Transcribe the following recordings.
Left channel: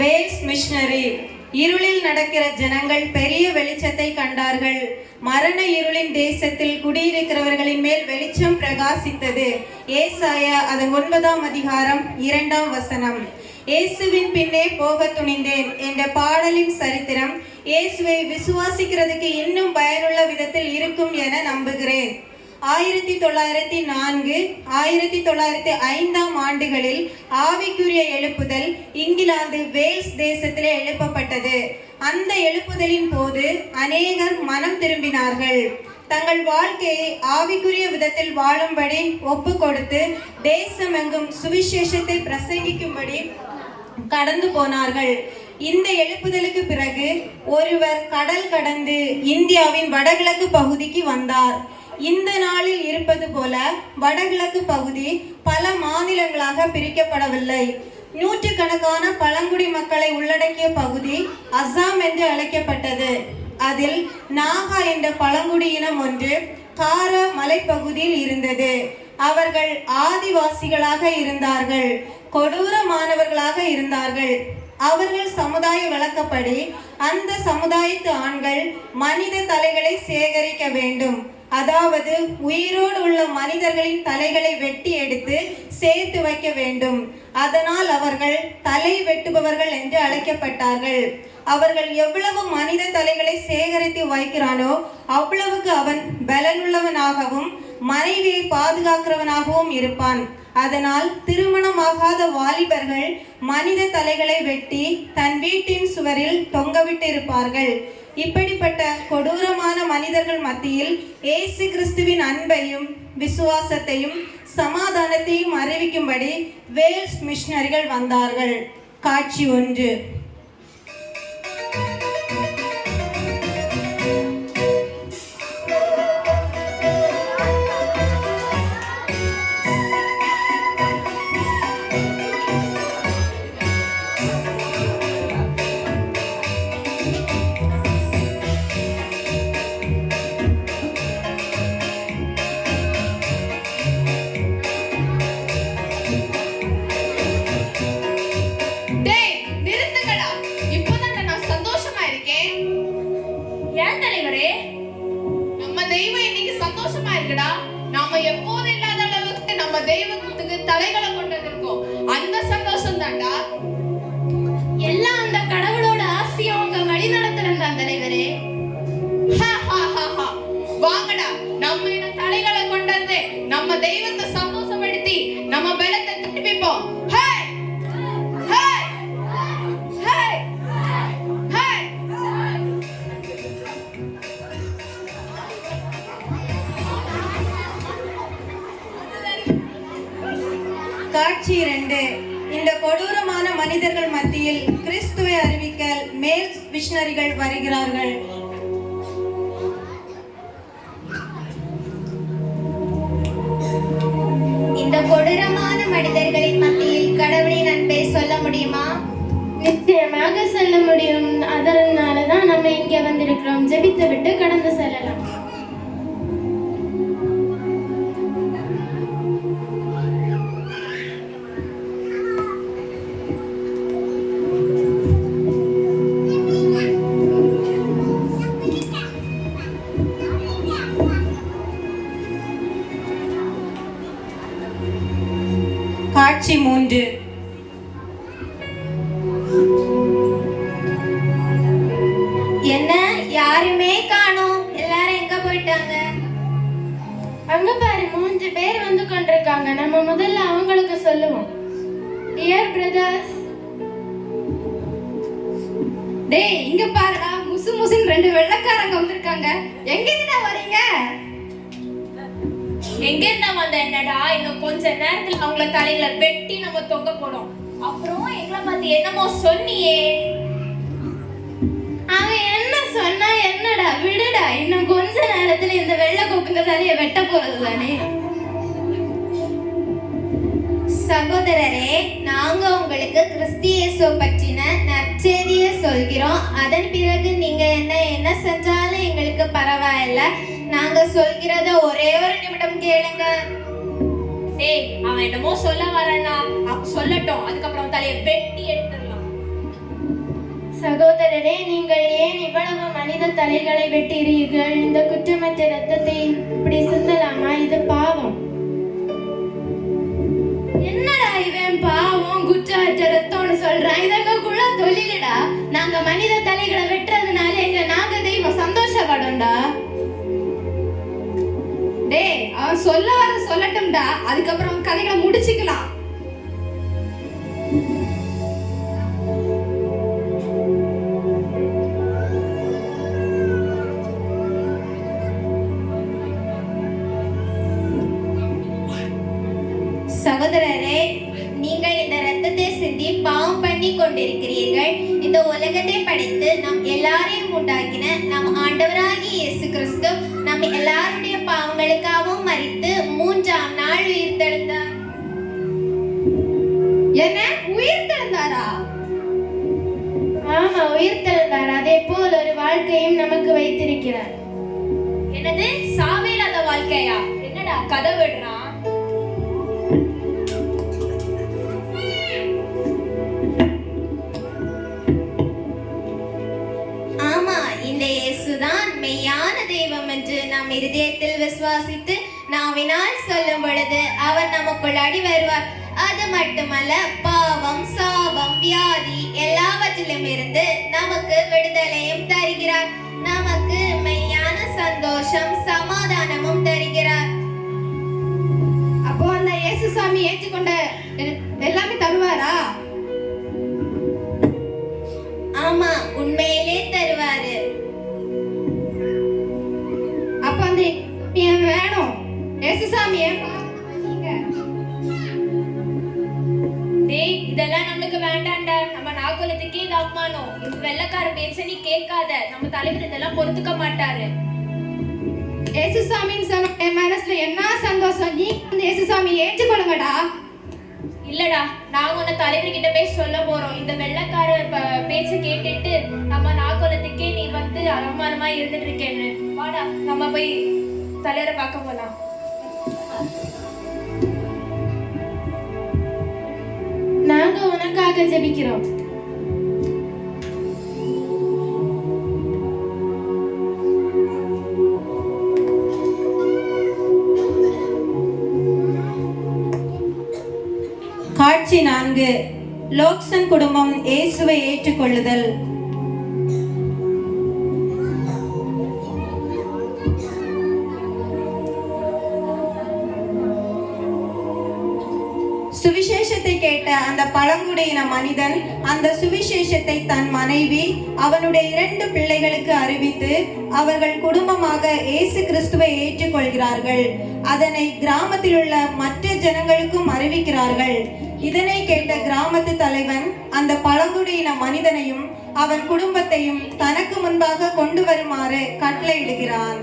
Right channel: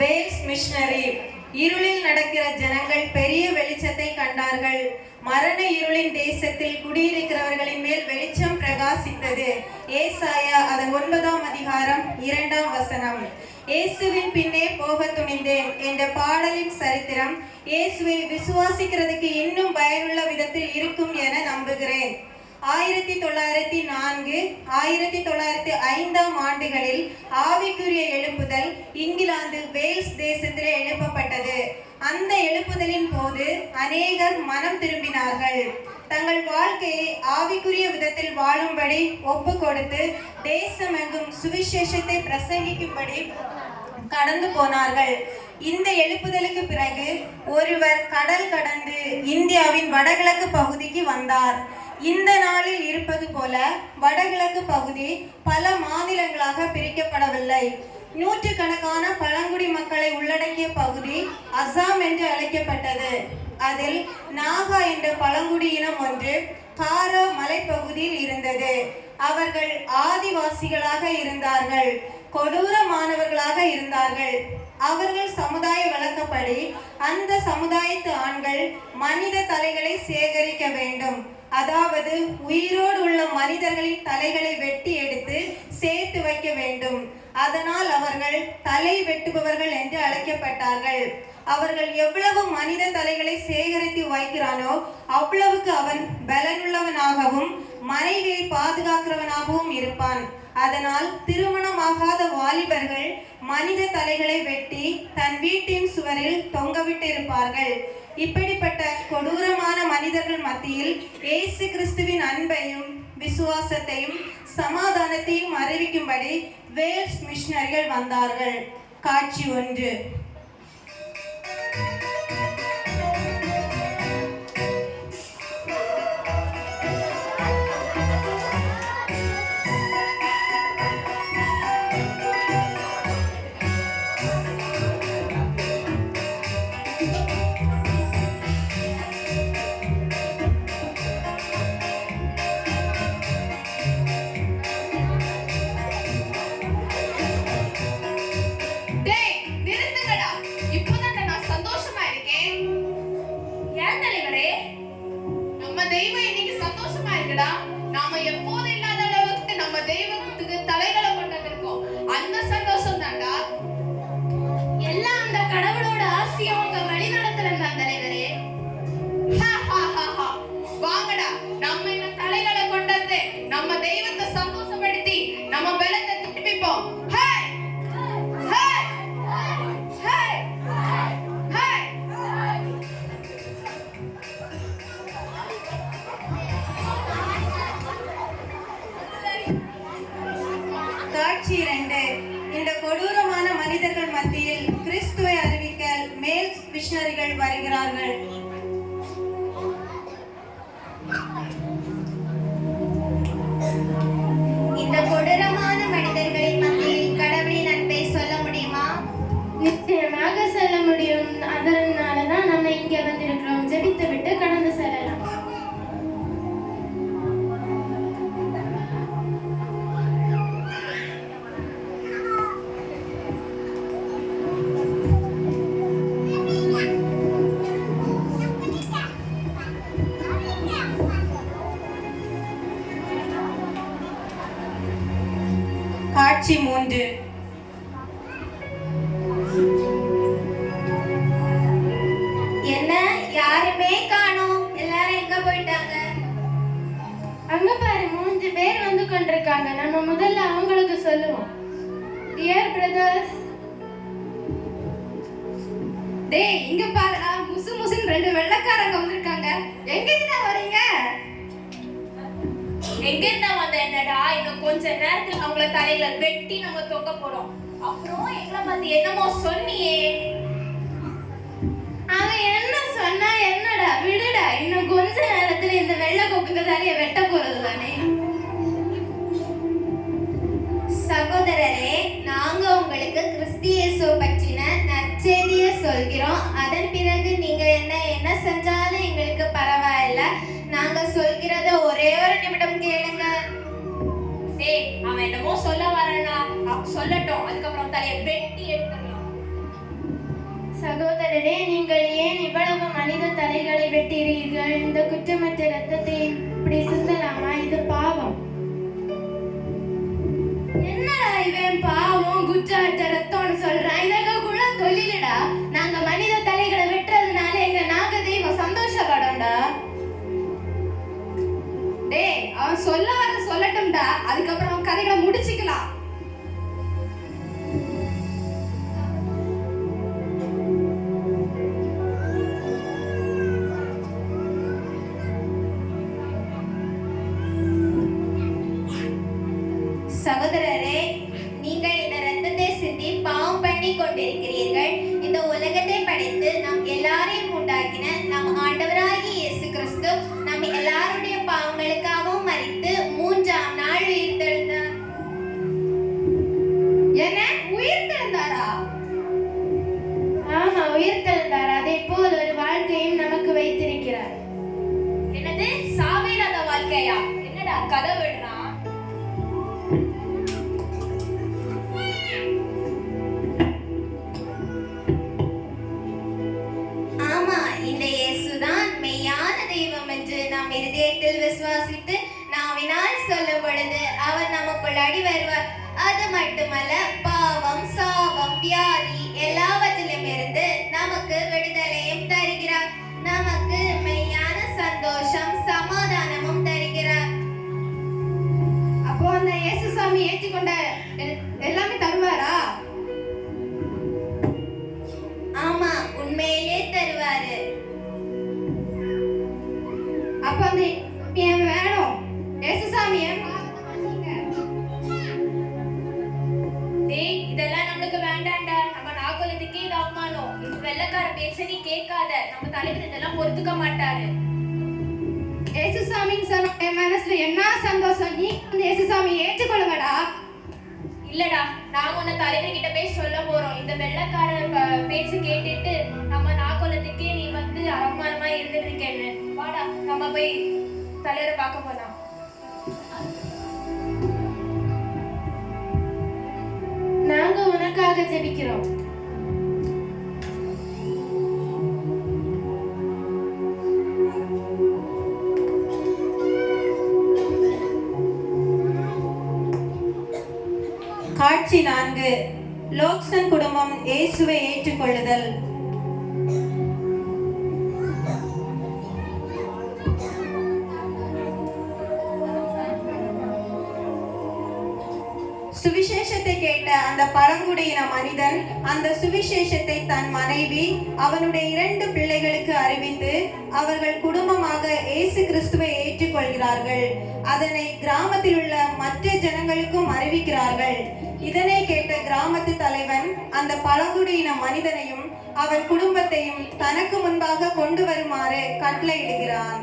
Wales missionary. இருளில் நடக்கிற ஜனங்கள் பெரிய வெளிச்சத்தை கண்டார்கள். மரண இருளின் தேசத்தில் குடியிருக்கிறவர்களின் மேல் வெளிச்சம் பிரகாசித்தது. ஏசாயா அதன் ஒன்பதாம் அதிகாரம் இரண்டாம் வசனம். இயேசுவின் பின்னே போக துணிந்தேன். என்ற பாடலின் சரித்திரம் இயேசுவை விசுவாசிக்கிறதுக்கு இன்னும் பயனுள்ள விதத்தில் இருக்கும் என நம்புகிறேன். ஆயிரத்தி தொள்ளாயிரத்தி நான்கு ஆயிரத்தி தொள்ளாயிரத்தி ஐந்தாம் ஆண்டுகளில் ஆவிக்குரிய எழுப்புதல் இங்கிலாந்து வேல்ஸ் தேசத்திலே எழுப்பப்பட்டது. அந்த எழுப்புதலின் போது அநேகர் மனம் திரும்பினார்கள். தங்கள் வாழ்க்கையை ஆவிக்குரிய விதத்தில் வாழும்படி ஒப்பு கொடுத்து தேசமெங்கும் சுவிசேஷத்தை பிரசங்கிக்கும்படி கடந்து போனார்கள். இந்த எழுப்புதலுக்கு பிறகு ஒருவர் கடல் கடந்து இந்தியாவின் வடகிழக்கு பகுதிக்கு வந்தார். இந்த நாளில் இருப்பது போல வடகிழக்கு பகுதி பல மாநிலங்களாக பிரிக்கப்படவில்லை. நூற்றுக்கணக்கான பழங்குடி மக்களை உள்ளடக்கிய பகுதி அசாம் என்று அழைக்கப்பட்டது. அதில் நாகா என்ற பழங்குடியினம் ஒன்று கார மலைப்பகுதியில் இருந்தது. அவர்கள் ஆதிவாசிகளாக இருந்தார்கள். கொடூரமானவர்களாக இருந்தார்கள். அவர்கள் சமுதாய விளக்கப்படி அந்த சமுதாயத்து ஆண்கள் மனித தலைகளை சேகரிக்க வேண்டும். அதாவது உயிரோடு உள்ள மனிதர்களின் தலைகளை வெட்டி எடுத்து சேர்த்து வைக்க வேண்டும். அதனால் அவர்கள் தலை வெட்டுபவர்கள் என்று அழைக்கப்பட்டார்கள். அவர்கள் எவ்வளவு மனித தலைகளை சேகரித்து வைக்கிறானோ அவ்வளவுக்கு அவன் பலனுள்ளவனாகவும் மனைவியை பாதுகாக்கிறவனாகவும் இருப்பான். அதனால் திருமணமாகாத வாலிபர்கள் மனித தலைகளை வெட்டி தன் வீட்டின் சுவரில் தொங்கவிட்டிருப்பார்கள். இப்படிப்பட்ட கொடூரமான மனிதர்கள் மத்தியில் இயேசு கிறிஸ்துவின் அன்பையும் விசுவாசத்தையும் சமாதானத்தையும் அறிவிக்கும்படி வேல்ஸ் மிஷினரிகள் வந்தார்கள். காட்சி ஒன்று. மிஷினரிகள் வருகிறார்கள். பிரதர்ஸ் டேய் இங்க பாருடா முசு முசுன்னு ரெண்டு வெள்ளைக்காரங்க வந்திருக்காங்க. எங்க இருந்தா வரீங்க எங்க இருந்தா வந்த என்னடா? இன்னும் கொஞ்ச நேரத்துல அவங்கள தலைகளை வெட்டி நம்ம தொங்க போடும் அப்புறம் எங்களை பத்தி என்னமோ சொன்னியே. அவன் என்ன சொன்னா என்னடா? விடுடா இன்னும் கொஞ்ச நேரத்துல இந்த வெள்ளை கொக்குங்க தலைய வெட்ட போறது தானே? கிறிஸ்தியேசு பற்றின நற்செய்தியை சொல்கிறோம். அதன் பிறகு நீங்க என்ன என்ன செஞ்சாலும் எங்களுக்கு பரவாயில்ல. நாங்க சொல்கிறத ஒரே ஒரு நிமிடம் கேளுங்க. டேய் அவன் என்னமோ சொல்ல அவன் சொல்லட்டும். அதுக்கப்புறம் தலையை வெட்டி எடுத்துடலாம். சகோதரரே நீங்கள் ஏன் இவ்வளவு மனித தலைகளை வெட்டுகிறீர்கள்? இந்த குற்றமற்ற இரத்தத்தை இப்படி சிந்தலாமா இது பாவம். என்னடா இவன் பாவம் குற்றமற்ற மனித தலைகளை வெட்டுறதுனால எங்க நாங்க தெய்வம் சந்தோஷப்படும்டா டேய் அவன் சொல்ல வர சொல்லட்டும்டா. அதுக்கப்புறம் அவன் கதைகளை முடிச்சுக்கலாம். சகோதரரே நீங்கள் இந்த ரத்தத்தை சிந்தி பாவம் பண்ணி கொண்டிருக்கிறீர்கள். உலகத்தை படைத்து நம் எல்லாரையும் உண்டாக்கின நம் ஆண்டவராகிய இயேசு கிறிஸ்து நம் எல்லாருடைய பாவங்களுக்காகவும் மறித்து மூன்றாம் நாள் உயிர்த்தெழுந்தார். என்ன? உயிர்த்தெழுந்தாரா? ஆமா உயிர்த்தெழுந்தார். அதே போல் ஒரு வாழ்க்கையும் நமக்கு வைத்திருக்கிறார். என்னது? சாவில்லாத வாழ்க்கையா? என்னடா கதை விடுறான் சந்தோஷம் சமாதானமும் தருகிறார். அப்போ அந்த இயேசு சாமி ஏற்றுக்கொண்ட எல்லாமே தருவாரா? ஆமா உண்மையிலே தருவாரு. அப்போ அந்த வேணும். இயேசு சாமியை டேய் இதெல்லாம் நம்மளுக்கு வேண்டாம்டா. நம்ம நாகலத்துக்கே இது அவமானம் இந்த வெள்ளக்கார பேச்ச நீ கேட்காத. நம்ம தலைவர் இதெல்லாம் பொறுத்துக்க மாட்டாரு. சாமின்னு சொன்ன என் மனசுல என்ன சந்தோஷம்? நீ அந்த இயேசு சாமியை ஏற்றுக்கொள்ளுங்கடா. இல்லடா நாங்க உன்னை தலைவர் கிட்ட போய் சொல்ல போறோம். இந்த வெள்ளக்கார பேச்ச கேட்டுட்டு நம்ம நாகலத்துக்கே நீ வந்து அவமானமா இருந்துட்டு இருக்கேன்னு வாடா நம்ம போய் தலைவரை பார்க்க போலாம். நாங்க உனக்காக ஜெபிக்கிறோம். இருபத்தி நான்கு லோக்சன் குடும்பம் இயேசுவை ஏற்றுக்கொள்ளுதல். சுவிசேஷத்தை கேட்ட அந்த பழங்குடியின மனிதன் அந்த சுவிசேஷத்தை தன் மனைவி அவனுடைய இரண்டு பிள்ளைகளுக்கு அறிவித்து அவர்கள் குடும்பமாக இயேசு கிறிஸ்துவை ஏற்றுக்கொள்கிறார்கள். அதனை கிராமத்தில் உள்ள மற்ற ஜனங்களுக்கும் அறிவிக்கிறார்கள். இதனை கேட்ட கிராமத்து தலைவன் அந்த பழங்குடியின மனிதனையும் அவர் குடும்பத்தையும் தனக்கு முன்பாக கொண்டு வருமாறு கட்டளையிடுகிறான்.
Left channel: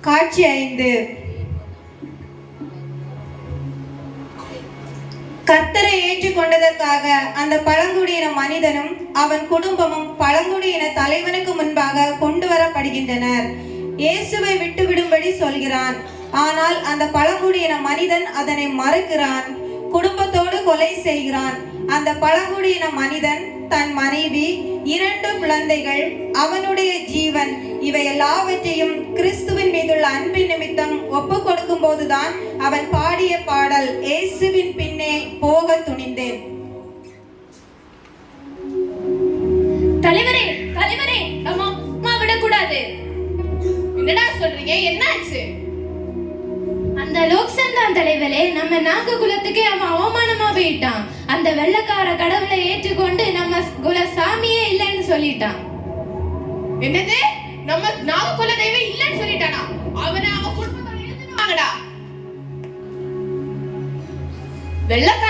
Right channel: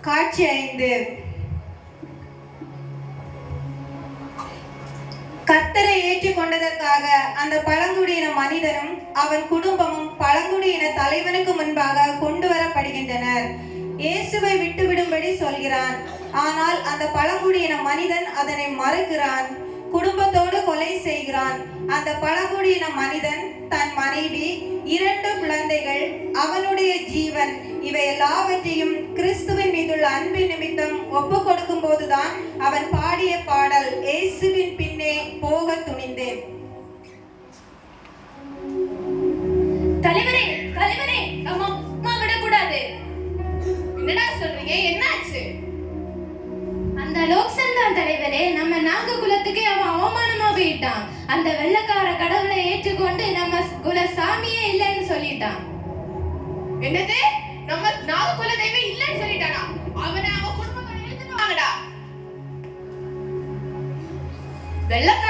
காட்சி ஐந்து. கர்த்தரை ஏற்றுக்கொண்டதற்காக அந்த பழங்குடியின மனிதனும் அவன் குடும்பமும் பழங்குடியின தலைவனுக்கு முன்பாக கொண்டு வரப்படுகின்றனர். இயேசுவை விட்டுவிடும்படி சொல்கிறான். ஆனால் அந்த பழங்குடியின மனிதன் அதனை மறுக்கிறான். குடும்பத்தோடு கொலை செய்கிறான். அந்த பழங்குடியின மனிதன் தன் மனைவி இரண்டு குழந்தைகள் அவனுடைய ஜீவன் இவை எல்லாவற்றையும் கிறிஸ்துவின் மீதுள்ள அன்பின் நிமித்தம் ஒப்பு கொடுக்கும் போதுதான் அவன் பாடிய பாடல் இயேசுவின் நாக குலத்துக்கே அவன் அவமானமா போயிட்டான் அந்த வெள்ளக்கார கடவுளை ஏற்றுக்கொண்டு நம்ம குல சாமியே இல்லைன்னு சொல்லிட்டான். என்னது? நம்ம நாக குல தெய்வம் இல்லைன்னு சொல்லிட்டானா? அவனை அவன் குடும்பத்தோட இழுத்துட்டு வாங்கடா. வெள்ளக்கார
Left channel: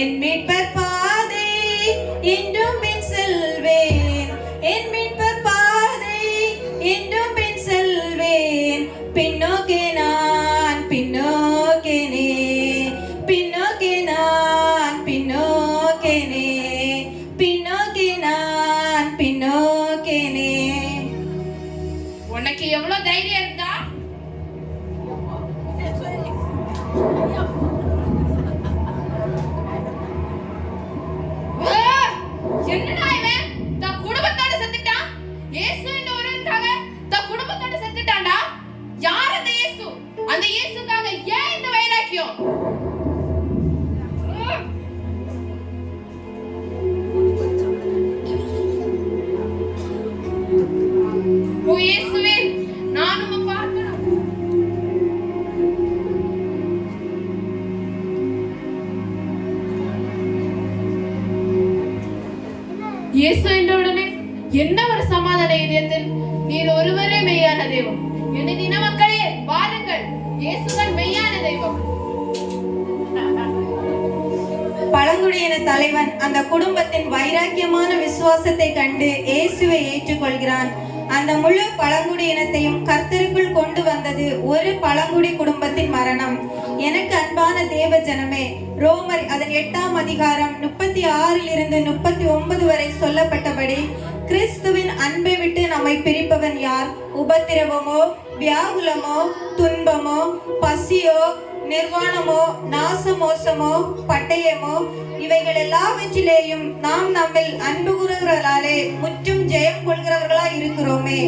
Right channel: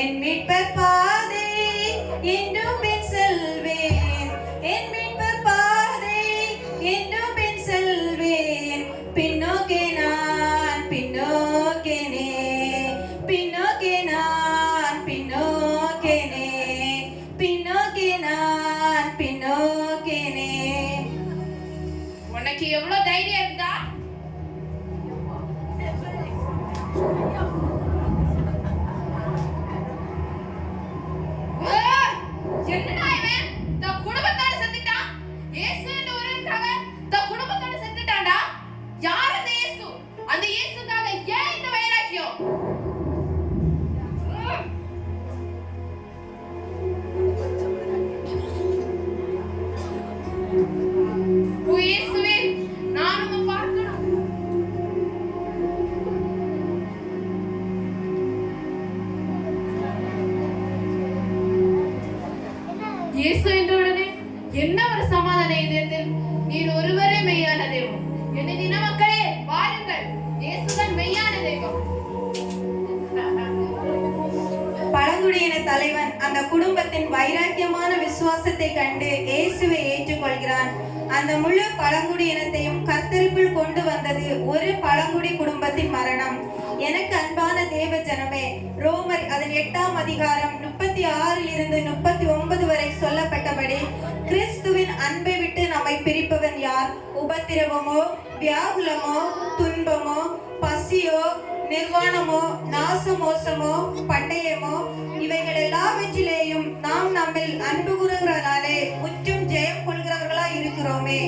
इनमें இயேசு என்ற உடனே என்ன ஒரு சமாதான இதயத்தில்? நீர் ஒருவரே மெய்யான தெய்வம். என்ன தின மக்களே வாருங்கள். இயேசுதான் மெய்யான தெய்வம். பழங்குடியின தலைவன் அந்த குடும்பத்தின் வைராக்கியமான விசுவாசத்தை கண்டு இயேசுவை ஏற்றுக்கொள்கிறான். அந்த முழு பழங்குடி இனத்தையும் கர்த்தருக்குள் கொண்டு வந்தது ஒரு பழங்குடி குடும்பத்தின் மரணம். எனக்கு அன்பான தேவ ஜனமே ரோமர் அதன் எட்டாம் அதிகாரம் முப்பத்தி முப்பத்தி ஆறில் இருந்து முப்பத்தி ஒன்பது வரை சொல்லப்பட்டபடி கிறிஸ்துவின் அன்பை விட்டு நம்மை பிரிப்பவன் யார்? உபத்திரவமோ வியாகுலமோ துன்பமோ பசியோ நிர்வாணமோ நாச மோசமோ பட்டயமோ இவைகள் எல்லாவற்றிலேயும் நாம் நம்மில் அன்பு கூறுகிறாலே முற்றும் ஜெயம் கொள்கிறவர்களா இருக்கிறோமே.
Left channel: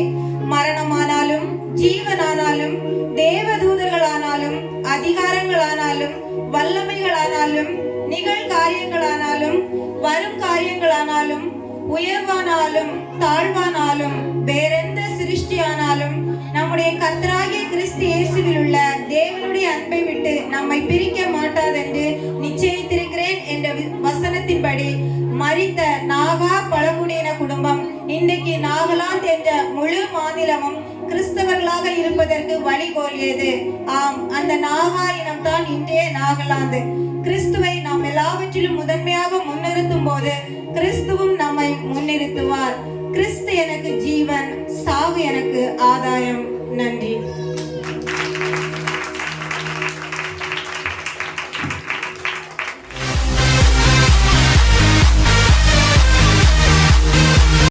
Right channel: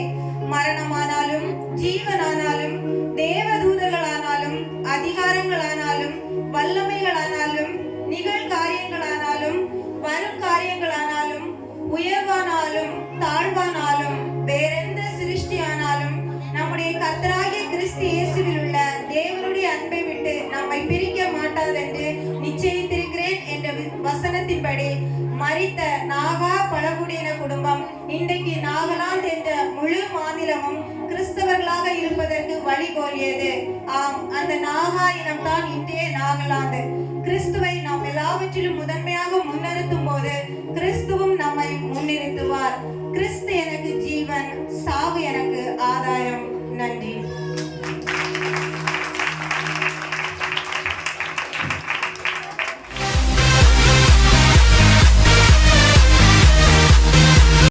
பிரான்ஸ் என்ற முழு மாநிலமும் கிறிஸ்தவர்களாக இருப்பதற்கு வழி வழிகோலியது. ஆம் அந்த நாகா இனம்தான் இன்றைய நாகாலாந்து.